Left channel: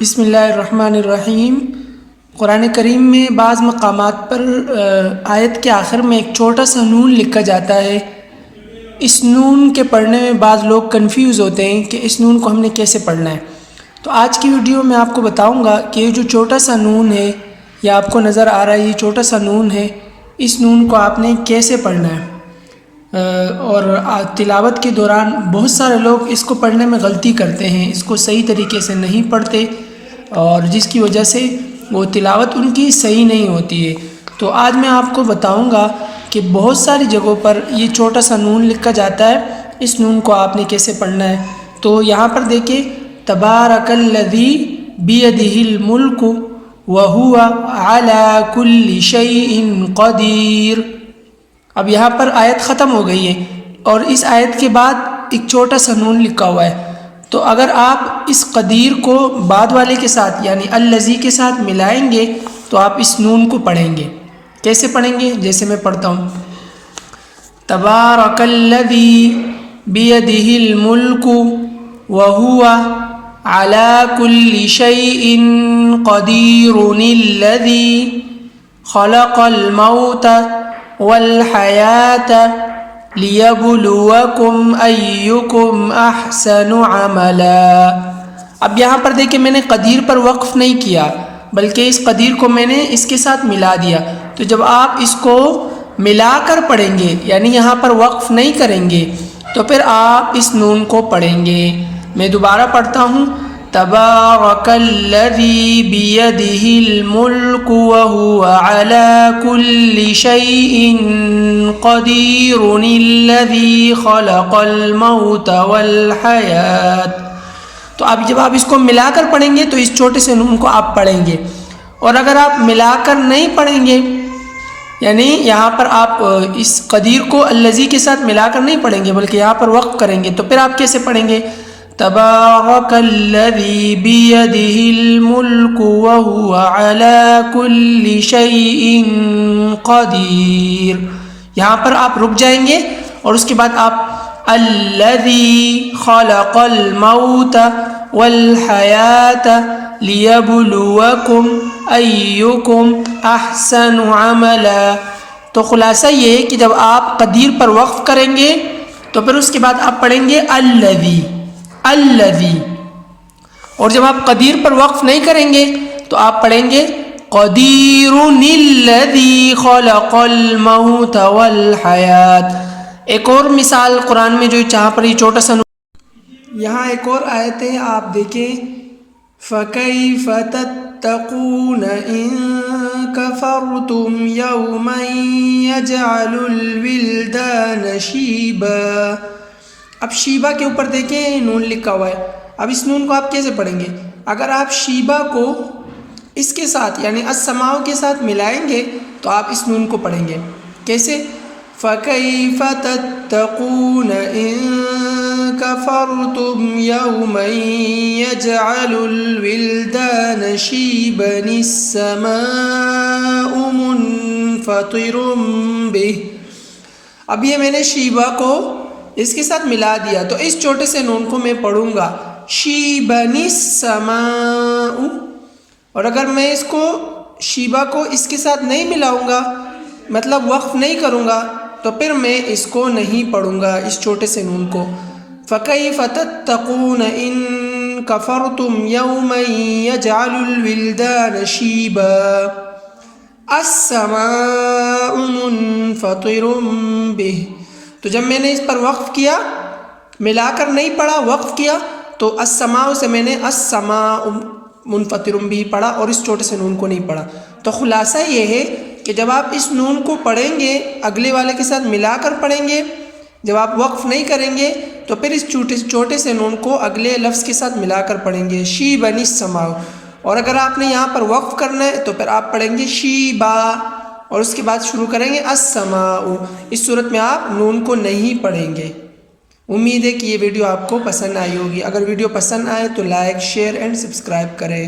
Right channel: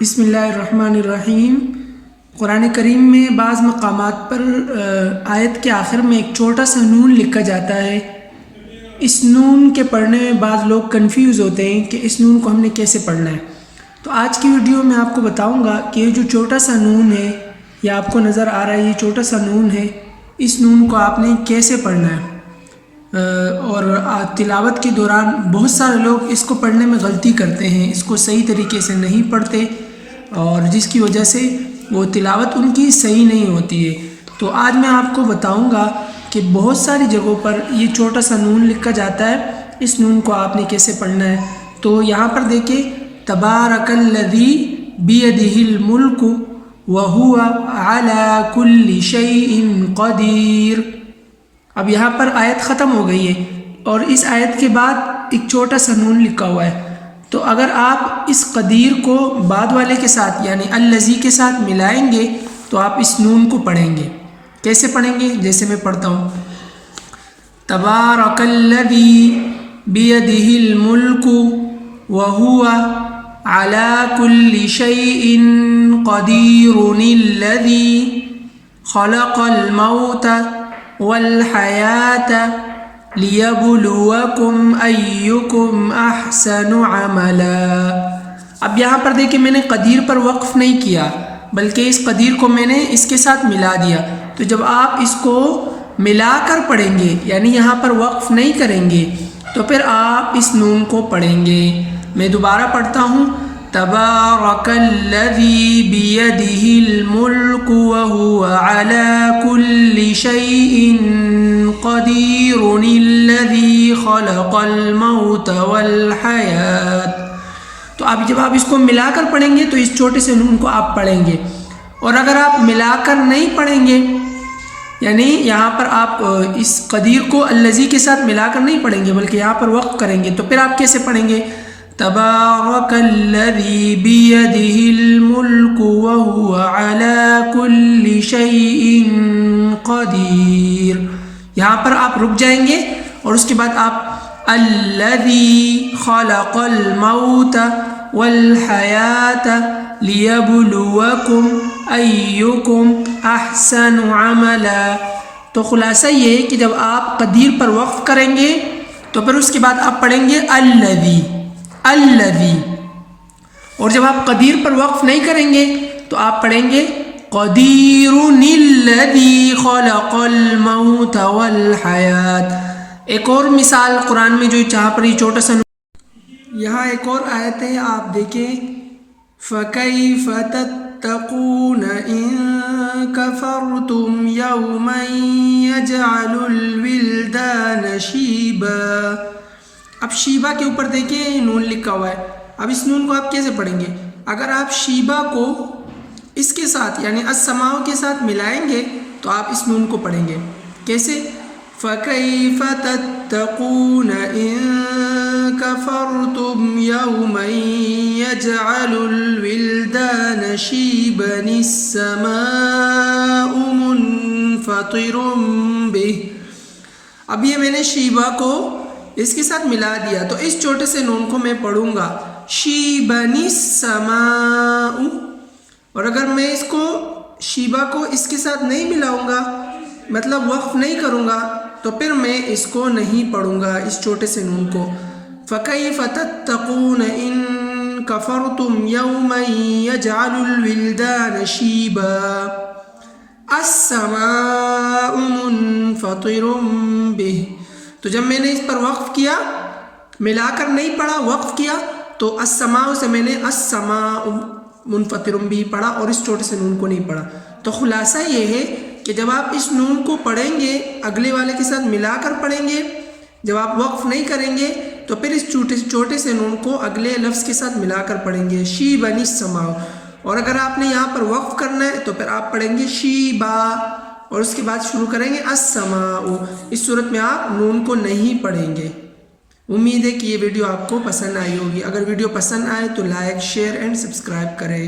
بسم اللہ الرحمن الرحیم۔ قرآن کریم میں بعض مقامات پر آیت کے آخر میں ایک چھوٹا سا نون لکھا جاتا ہے۔ اس نون کے پڑھنے میں بعض لوگ کنفیوز ہوتے ہیں کہ اس نون کو ہم نے کیسے پڑھنا ہے۔ تو آج کی ویڈیو میں آپ کو بتاؤں گا کہ یہ جو چھوٹا سا نون ہے، یا آپ کو نظر آ رہا ہے یہ چھوٹا سا نون ہے، اس نون کو آپ نے کیسے پڑھنا ہے۔ اور تلاوت کے دوران بہت سارے لوگ اس کو پڑھنے میں غلطی کرتے ہیں، اس کو صحیح طریقے سے نہیں پڑھتے، اور جس کی وجہ سے وہ تلاوت ان کی صحیح نہیں ہوتی ہے۔ تو آج میں آپ کو بتاؤں گا کہ بہت ساری جگہوں پر یہ چھوٹا سا نون لکھا جاتا ہے، اس نون کو آپ نے کیسے پڑھنا ہے۔ تو یہاں پر دیکھیں، تبارک الذی بیدہ الملک وہو علی کل شیء قدیر۔ اب یہاں پر آیت ختم ہو گئی ہے اور اس آیت کے بعد ایک چھوٹا سا نون لکھا ہوا ہے۔ تو اگر آپ اس قدیر کو بعد والے کے ساتھ یعنی الذی کے ساتھ ملائیں گے تو آپ اس نون کو پڑھیں گے۔ کیسے پڑھیں گے؟ جیسے میں پڑھتا ہوں، تبارک الذی بیدہ الملک وہو علی کل شیء قدیر الذی خلق الموت والحیاۃ لیبلوکم ایکم احسن عملا۔ اب یہاں پر دیکھیں، میں نے قدیر پر وقف نہیں کیا بلکہ اس قدیر کو میں نے اس کے ساتھ ملا دیا۔ تو جب آپ اس کو ملا کر پڑھیں گے یعنی یہاں پر وقف نہیں کریں گے تو پھر آپ اس نون کو پڑھیں گے۔ میں دوبارہ پڑھتا ہوں، تبارک الذی بیدہ الملک وہو علی کل شیء قدیر الذی خلق الموت والحیاۃ۔ تو اب جب آپ اس کو ملا کر پڑھیں گے تو اس چھوٹے سے نون کو آپ پڑھیں گے، اور اگر آپ ملا کر نہیں پڑھیں گے یعنی یہاں پر آپ اس قدیر کو الذی کے ساتھ ملا کر نہیں پڑھیں گے بلکہ یہاں پر وقف کریں گے، تو پھر آپ کیسے پڑھیں گے؟ تبارک الذی بیدہ الملک وہو علی کل شیء قدیر۔ یہاں پر آپ رک جائیں گے اور اس کے بعد آپ الذی خلق الموت والحیاۃ لیبلوکم ایکم احسن عملا۔ تو خلاصہ یہ ہے کہ جب آپ قدیر پر وقف کریں گے تو پھر اس کے بعد آپ پڑھیں گے الذی، اور جب آپ قدیر پر وقف نہیں کریں گے تو آپ پڑھیں گے قدیر الذی خلق الموت والحیاۃ۔ ایک اور مثال قرآن میں جو جہاں پر یہ چھوٹا سا یہاں ایک اور آیت ہے، آپ دیکھیں، فَكَيْفَ تَتَّقُونَ إِن كَفَرْتُمْ يَوْمًا يَجْعَلُ الْوِلْدَانَ شِيبًا۔ اب شیبہ کے اوپر دیکھیں نون لکھا ہوا ہے۔ اب اس نون کو آپ کیسے پڑھیں گے؟ اگر آپ شیبہ کو اس کے ساتھ یعنی السماء کے ساتھ ملائیں گے تو آپ اس نون کو پڑھیں گے۔ کیسے؟ فَكَيْفَ تَتَّقُونَ إِن كَفَرْتُمْ يَوْمًا يَجْعَلُ الْوِلْدَانَ شِيبًا السَّمَاءُ مُنْفَطِرٌ بِهِ۔ اب یہ میں نے شیبہ کو اس کے ساتھ ملا دیا تو اس چھوٹے سے نون کو میں پڑھوں گا شیبن السماء، اور اگر میں اس کو شیبہ کو اس کے ساتھ نہیں ملاؤں گا مطلب وقف نہیں کروں گا تو پھر میں اس کو نہیں پڑھوں گا، اس چھوٹے سے نون کو۔ فَكَيْفَ تَتَّقُونَ إِن كَفَرْتُمْ يَوْمًا يَجْعَلُ الْوِلْدَانَ شِيبًا السَّمَاءُ مُنْفَطِرٌ بِهِ۔ تو جب میں نے اس پر وقف کیا، ملا کر نہیں پڑھا، وقف کیا، تو السماء سے میں نے السماء منفطر بھی پڑھا اور اس چھوٹے سے نون کو نہیں پڑھا۔ تو خلاصہ یہ ہے کہ جب آپ اس نون کو پڑھیں گے اگلے والے کے ساتھ ملا کر پڑھیں گے، جب آپ وقف نہیں کریں گے تو پھر اس چھوٹے سے نون کو اگلے لفظ کے ساتھ ملا کر پڑھیں گے شیبن السماء، اور اگر آپ نے یہاں پر وقف کرنا ہے تو پھر آپ پڑھیں گے شیبا اور اس کے بعد شروع کریں گے السماء۔ اس صورت میں آپ نون کو نہیں پڑھیں گے۔ امید ہے کہ یہ ویڈیو آپ کو پسند آئی ہوگی۔ اگر ویڈیو پسند آئے تو لائک، شیئر اینڈ سبسکرائب کریں۔